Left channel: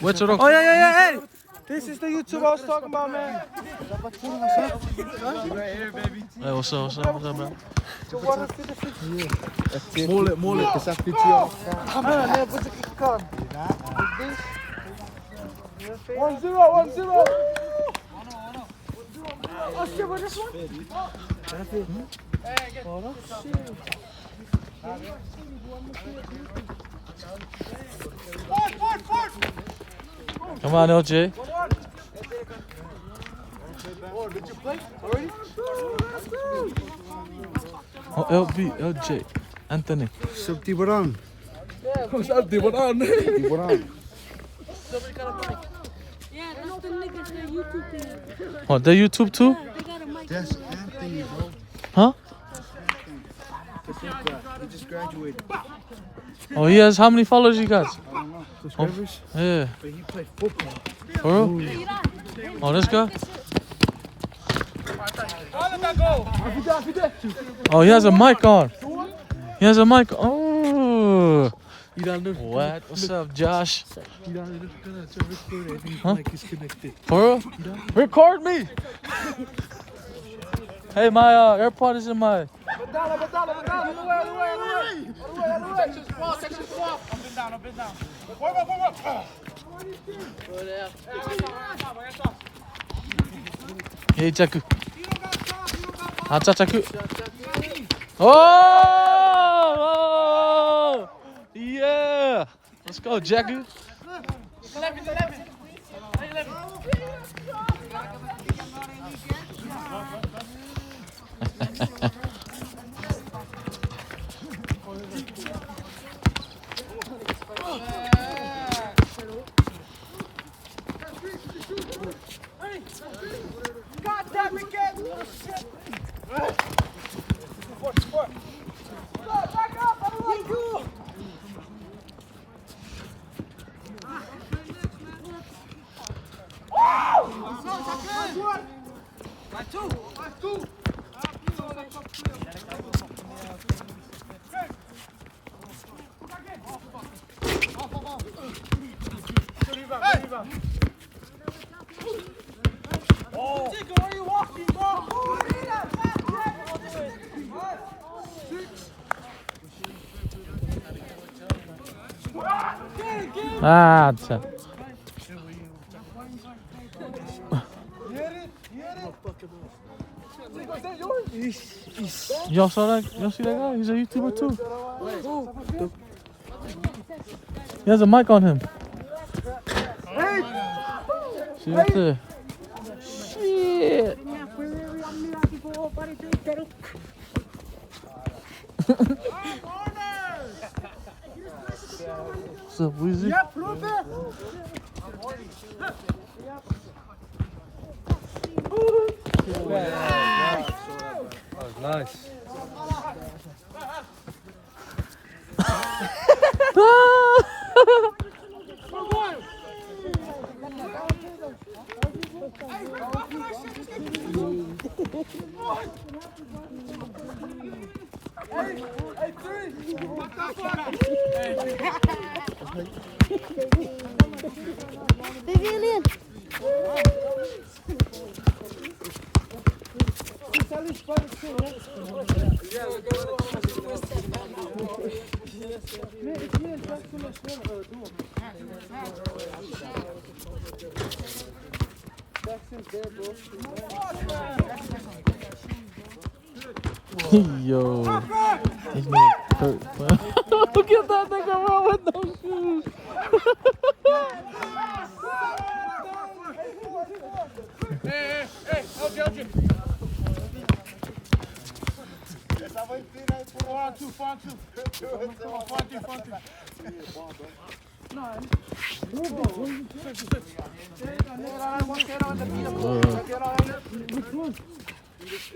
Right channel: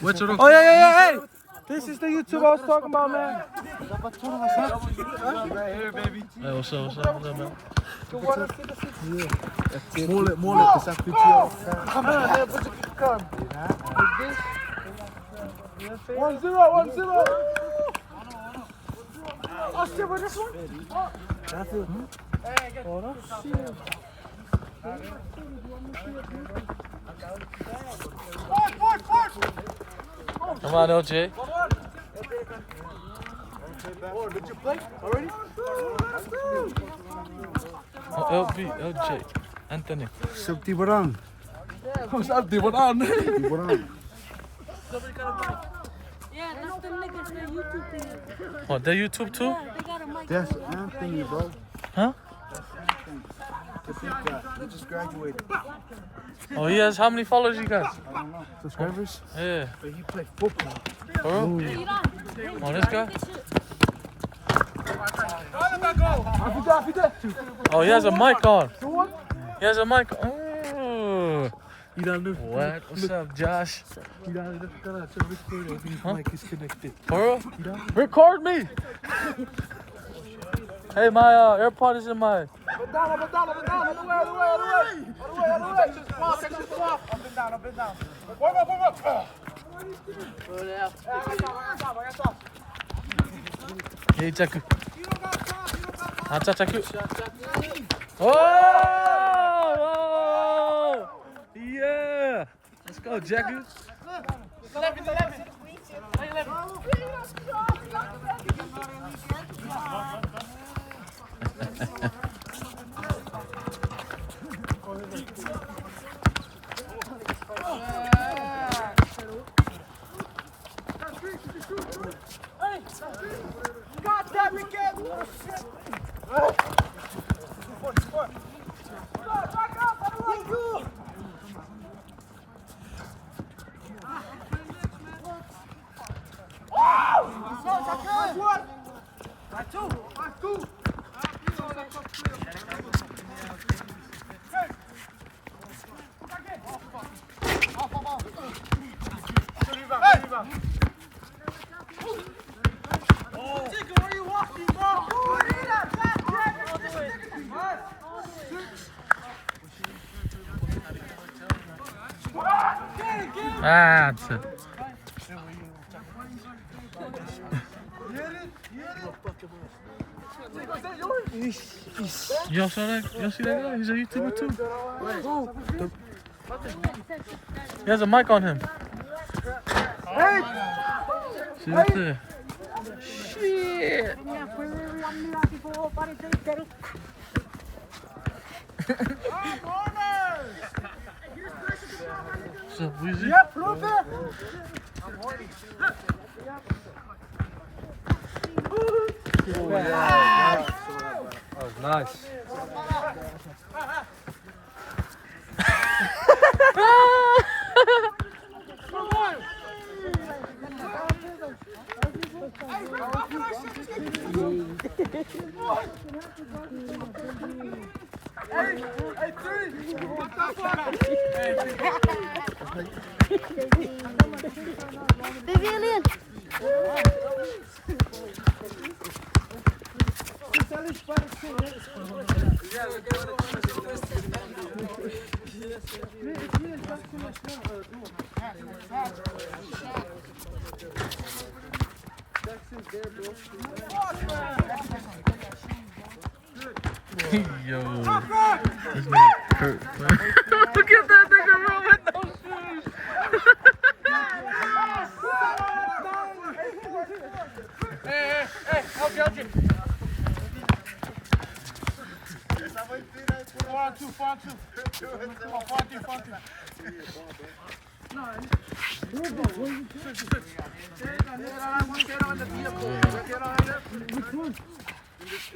What's it? Oh, yeah. This is the YouTube I was talking about, man. Right here, baby. Hey, what's up, man? Moeilijk. 1-0. Oh shit, what is it? Oh shit. Come on, LJ. Oh, did you play already? Oh, LJ. Anthony. Sub Tiburon. What's up, Tiburon? Tiburon. Yeah, that's the niggas, the YouTube thing. Oh, they YouTube too? Yeah, they got a mic. That's Anthony, bro. Huh? He just graduated. Oh, he has how many followers he got? Subscribers? Yeah. But he played football. Bro? Oh, this guy? Oh, he has a mic on. He has a mic. Oh. What? What's up, Josh? Huh? Mic is connected. Bro? Record me. Hey, my AirPod is in my. Up and down. Warm up. Hey, check. Check. Oh! Yeah! Let's go, Jackie. 11. God damn it, kid! Ah, that's it. Y'all saw that? Y'all see that guy? He's a YouTuber too. He has a mic on him. See right there. Shit. So, Weezy? Yeah, prove it. That was nice. Big alien. Yo, this nigga Kurt. Look at that nigga run with no shoes. Hey, LG. 4-on-2.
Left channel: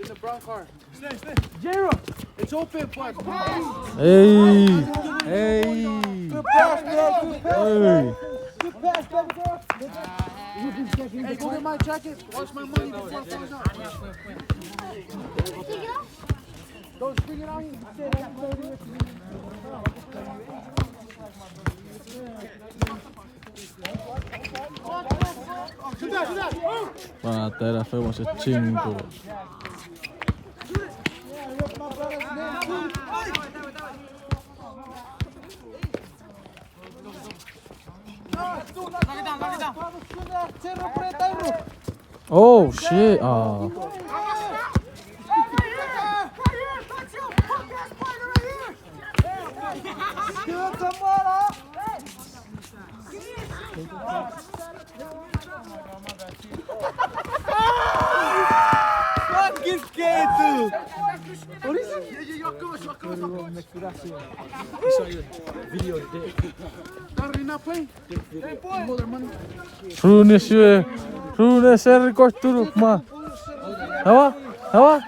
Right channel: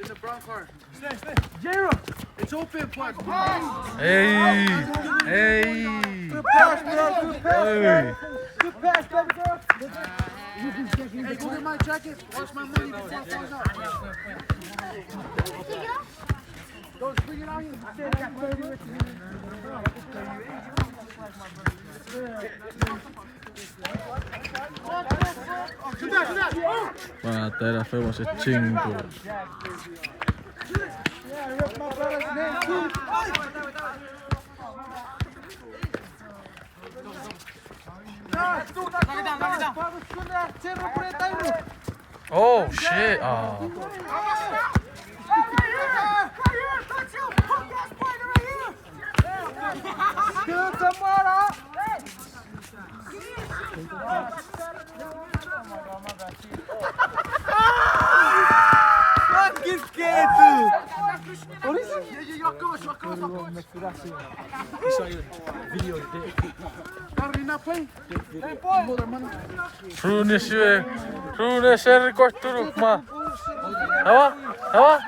In the brown car. Stay. Jero, it's open, but. Hey. Good pass, Hey. Good pass, bro. Hey, go get my jacket. Watch my money before it falls out. Don't bring it on you. Para fuimos ese chingo. Oh shit. Oh. Fucking scared, dude. What is it? Runes kortturuk man. Huh?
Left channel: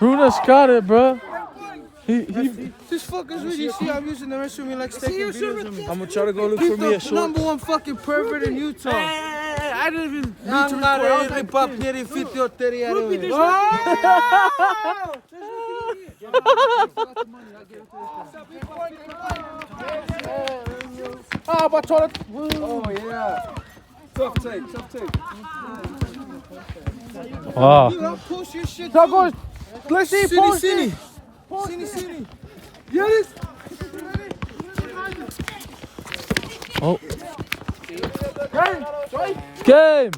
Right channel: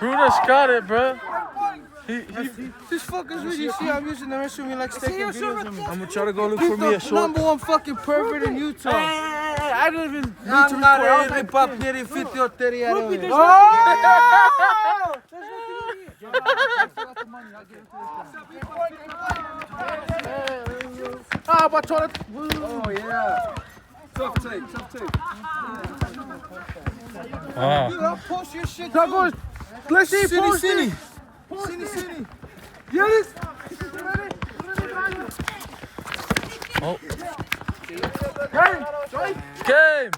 Runes got it, bro. This fucker's really see I'm using the rest of me like taking videos of me. I'm gonna try to go look for me a short. #1 fucking pervert in Utah. I didn't even I'm not a pop nearly 50 or 30 out of it. Ah, but toilet. Oh yeah. Tough tape. Ah. Dude, I'll post your shit Go, too. let's see. City. Yes. Oh. Game. Joy. Game.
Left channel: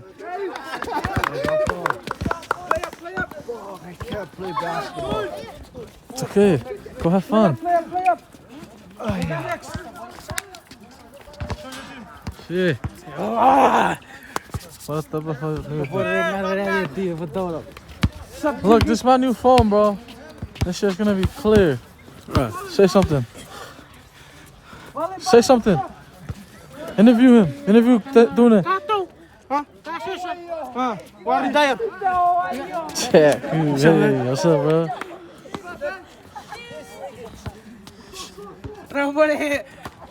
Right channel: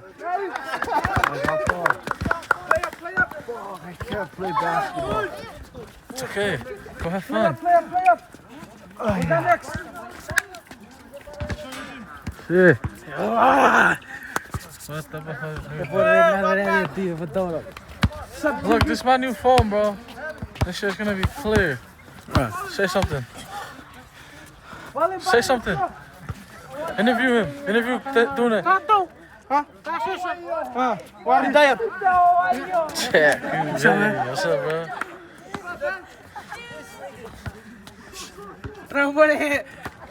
I can't play basketball. It's okay. Go have fun. Shit. Look, this is my new phone, bro. This shit's gonna be clear. Alright, say something. Say something. Interview him. Interview doing it. Waar is dat? Check. What's up, bro?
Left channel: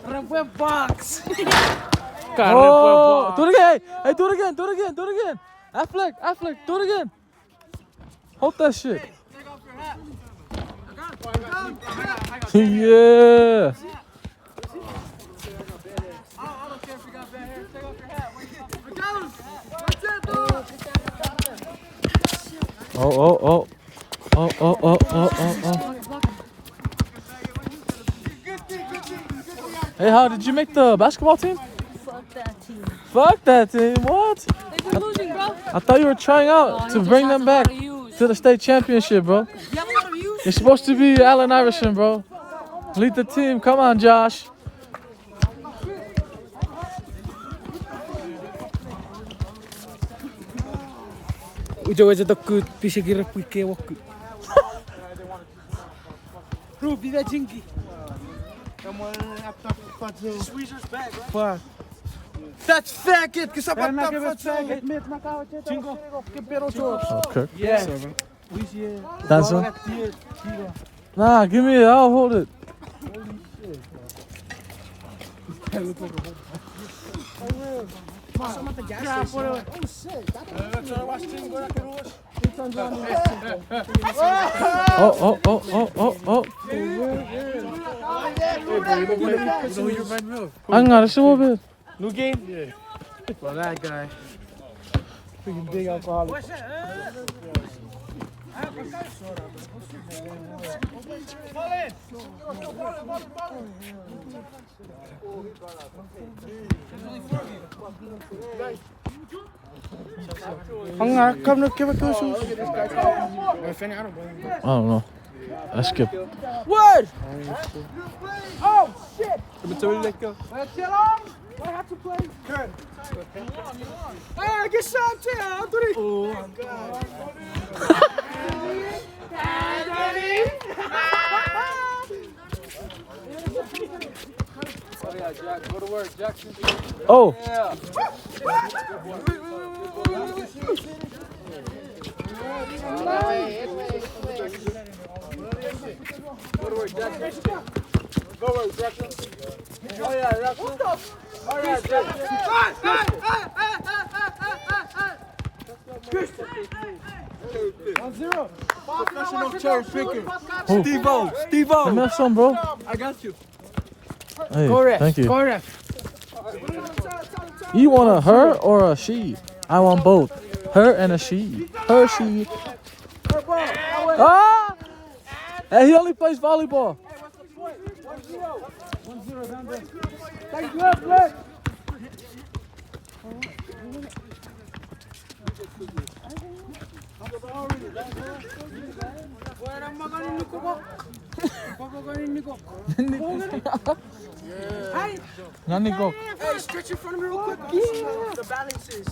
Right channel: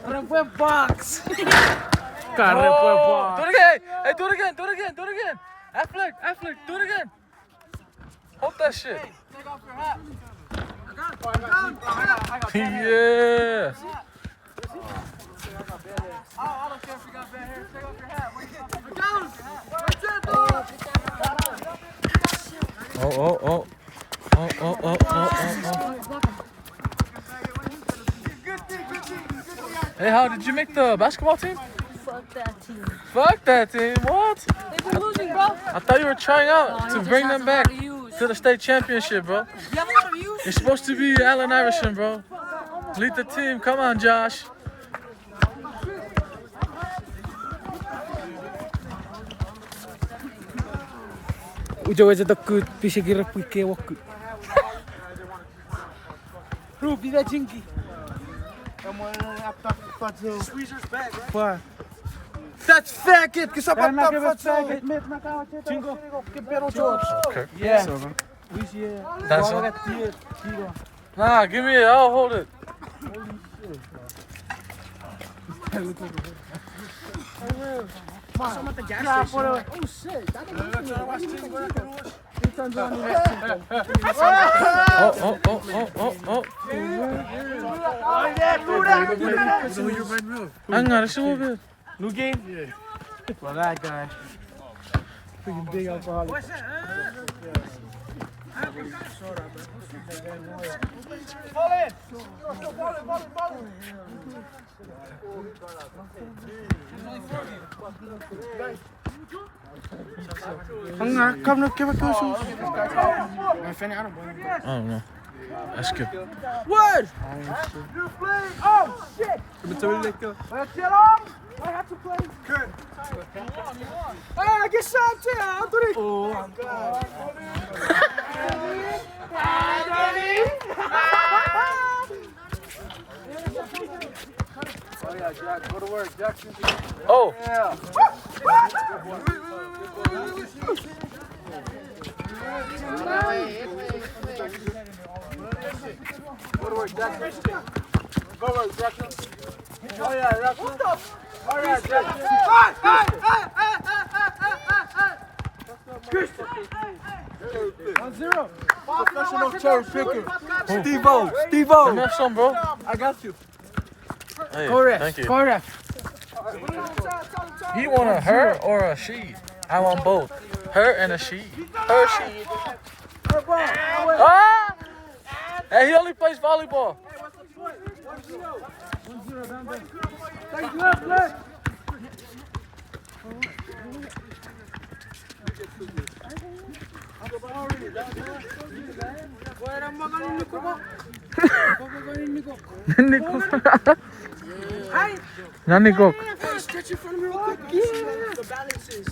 Rambo box. Oh, do it again. Hey, do it again. Affleck, do it again. Hold that shit. Take off your hat. Yeah. I don't care if you got bad hair. Take off your hat. Oh. Hey, how did you make the basketball team? Fuck that team. Fuck that team. What? They've been losing, bro. I thought you were trying out he to just bring has them a back lot of views. to the state championship, bro. You have a lot of views? You're supposed to be Allen Iverson, bro. Lead the team. Come on, Josh. Ujawaja takut bisa kira pike waktu. Ruby da jinky. Squeezer's back, right? Pa. That's faggot, cause I'm Kaya a top nakibet faggot. Chingo. Que pero chos. Okay. Yeah. So, man. We see. That's it. Nah, give me it. I'll hold it. Yeah, por away. Oh. Hang on, it's a little bit. New game? Yeah. Well, that guy. Freaking big alcoholic. Come look, give it to us. I don't know. I skipped. What? Oh, shit. Hey, get shot too. Oh, Oh. Professional cherry picker. Let Steve-O. me have some, bro. I got you. Hey, Go ref. thank you. Go ref. You want a her or a she? I want both. Her and a she. Her, she. Ah! Hey, he only plays volleyball. Nanikok. Hey, stretch in front of me real quick. The balances.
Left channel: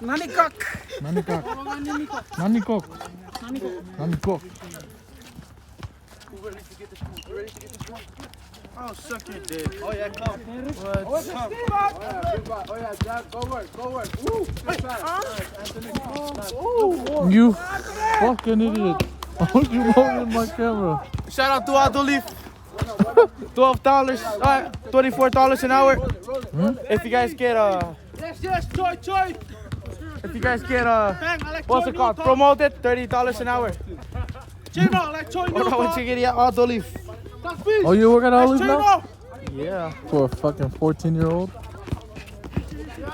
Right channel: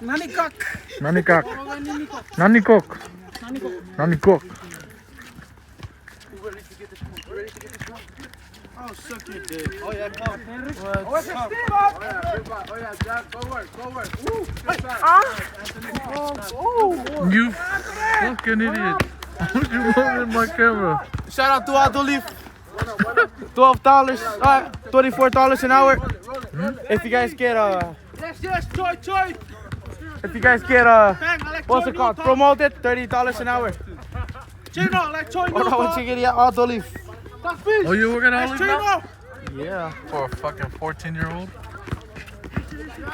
Nanikok. Nanikok. Nanikok. Nanikok. Oh, suck your dick. Oh, yeah, come. What's up? Oh, yeah, Jack, go work. Woo. You fucking idiot. Why would you moving my camera? Shout out to Adolif. $12, $24 an hour. If you guys get Yes, Choi. if you guys get what's it called? Promoted, $30 an hour. Chino, like Choi. What about you get Adolif? Oh, you work at Olive now? Yeah. For a fucking 14-year-old?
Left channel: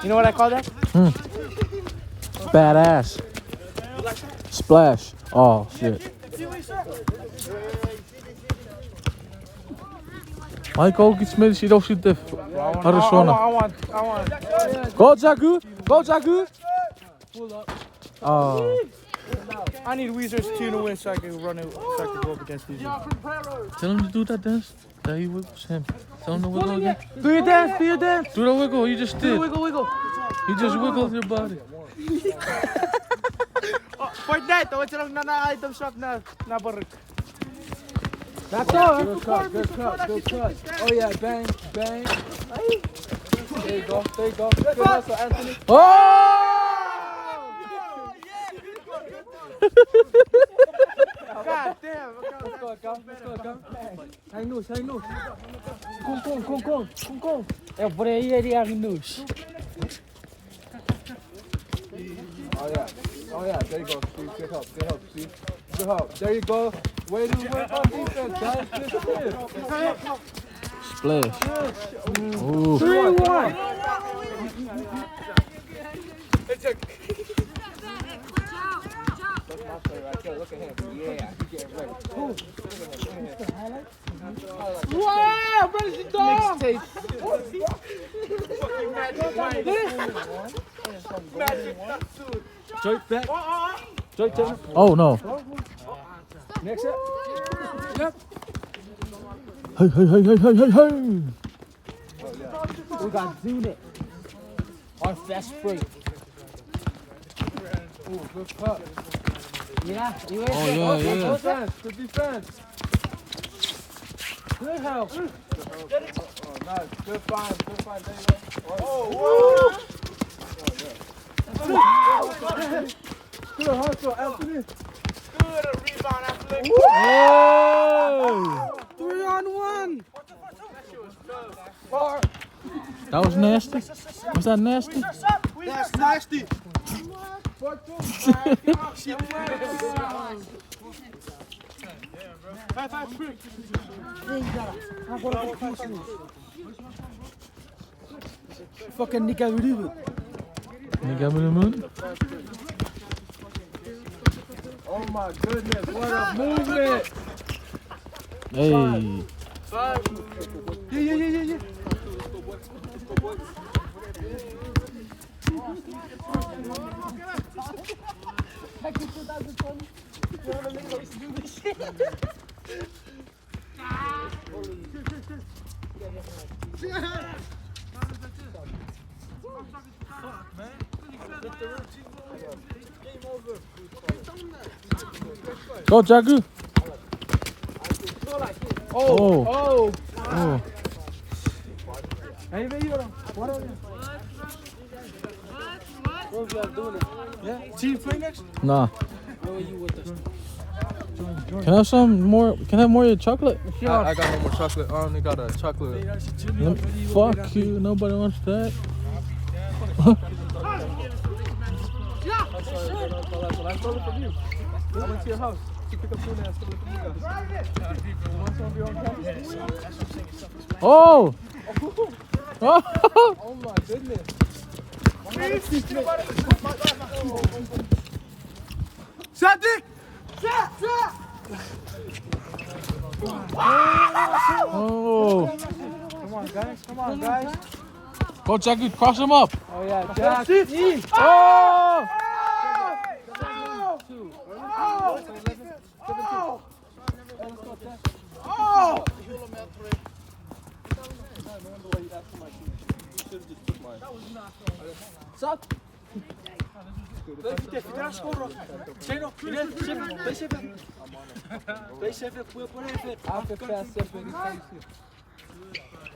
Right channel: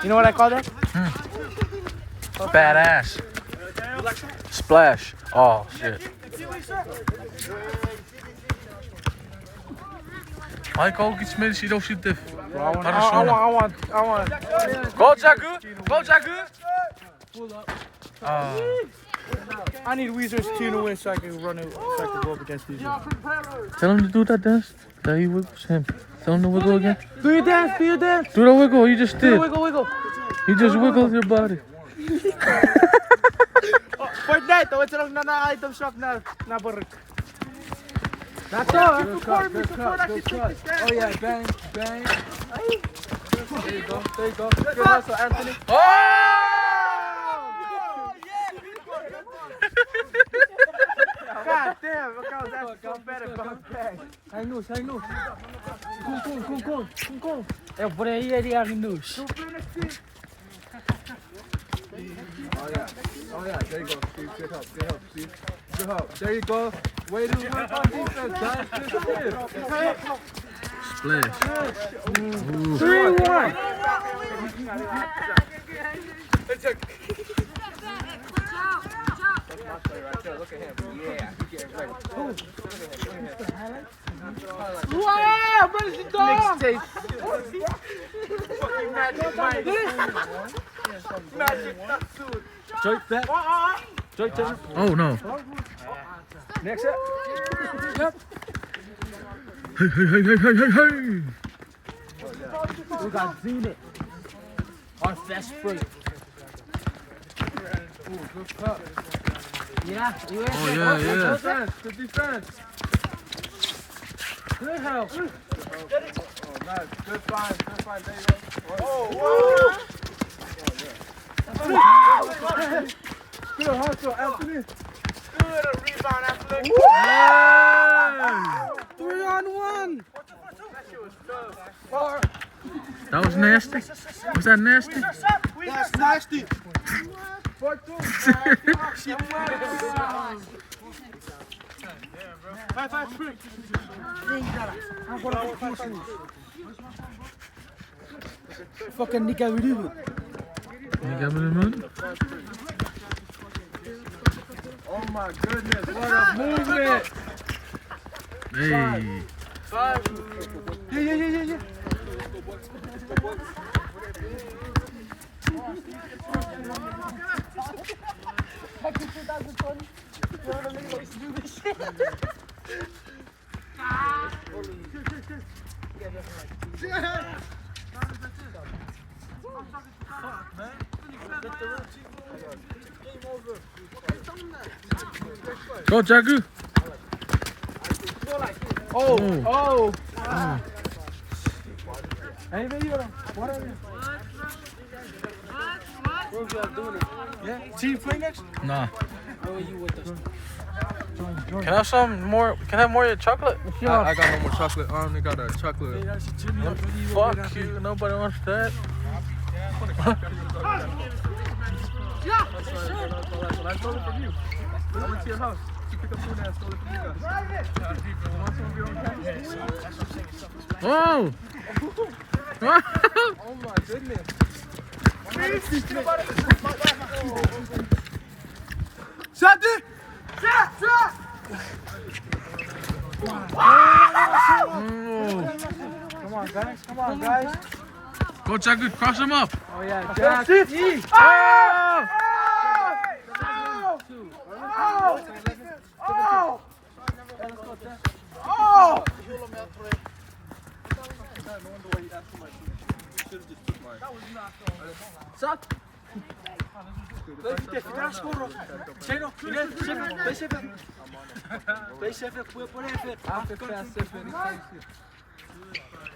You know what I call that? Badass. Splash. Oh, shit. Hij kan ook iets mee, ziet of ziet het. I want. Go, Jagu! Go, Jagu! Pull up. Oh. I need Weezer's tune to win so I can run it, so I can go up against Weezer. Tell him to do that dance. That he wiggles him. Tell him to wiggle again. Do your dance, do your dance. Do the wiggle, you just did. Wiggle. You just wiggled your body. Fortnite, what's lang na item shop na barek. That's all. Good cut. Oh, yeah, bang. There you go. Good hustle, Anthony. Oh! God damn, that's better. Hang loose. Kung. É por aí, ele é loose. Oh yeah, there you go, Steve. Good help, Steve. Good help. There you go. Way to work on defense, guys. Splash. Ooh. 3-1. Wow, what is it doing? Mixtape. Fucking Magic Mike. Magic nut suit. Joy back. Joy turn. Oh no. Next set. Yep. Hey. We got Zenit on fast break. Ooh, good cut. Yeah. Oh yeah. Good defense. Good help. Oh, nice. Good find. Oh, good hustle, Anthony. Good rebound after Hey! 3-on-1. That was nasty. Was that nasty? That's nasty. 5-3. Fucking Nika Ruben. You got me the moon? Oh my goodness, what a movement! Hey. 5. Yeah. Back in 2020, you want to make us do this shit? Go, Jagu. Oh. Oh. Hey, video. What are you? What are you doing? Yeah? Team play next? Nah. How are you with us? Can I have some more? Can I have more of your chocolate? I got no more chocolate. I only got a chocolate. Fuck you. Nobody wants that. I went to your house to pick up food and I stole it from you guys. Oh! Oh my goodness. Shot it! Shot! Oh. Come on, guys. Come on, guys. Go, Jack. Cross him up. Oh, yeah, Jack. Oh! Oh!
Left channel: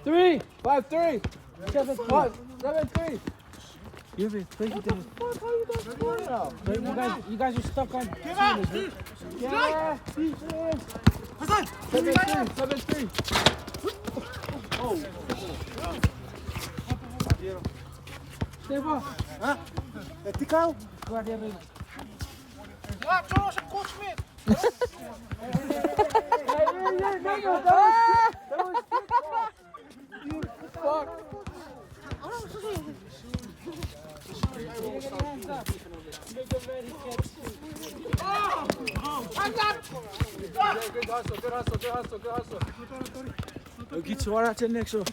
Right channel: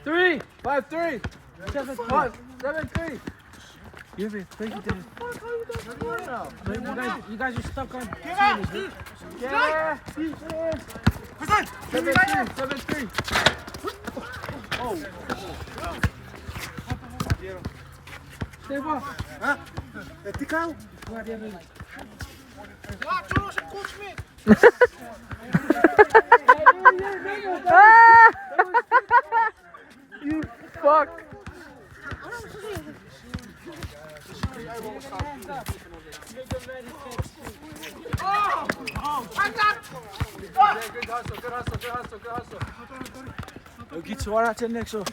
Three, 5-3, 7-3. Give it, take it down. You guys are stuck on. Give up! 7-3. Oh. Stefan. Huh? Vertical. Guarda aí. Ah, trouxe o coach me. You fuck. Good hustle. I'll get you right at next show.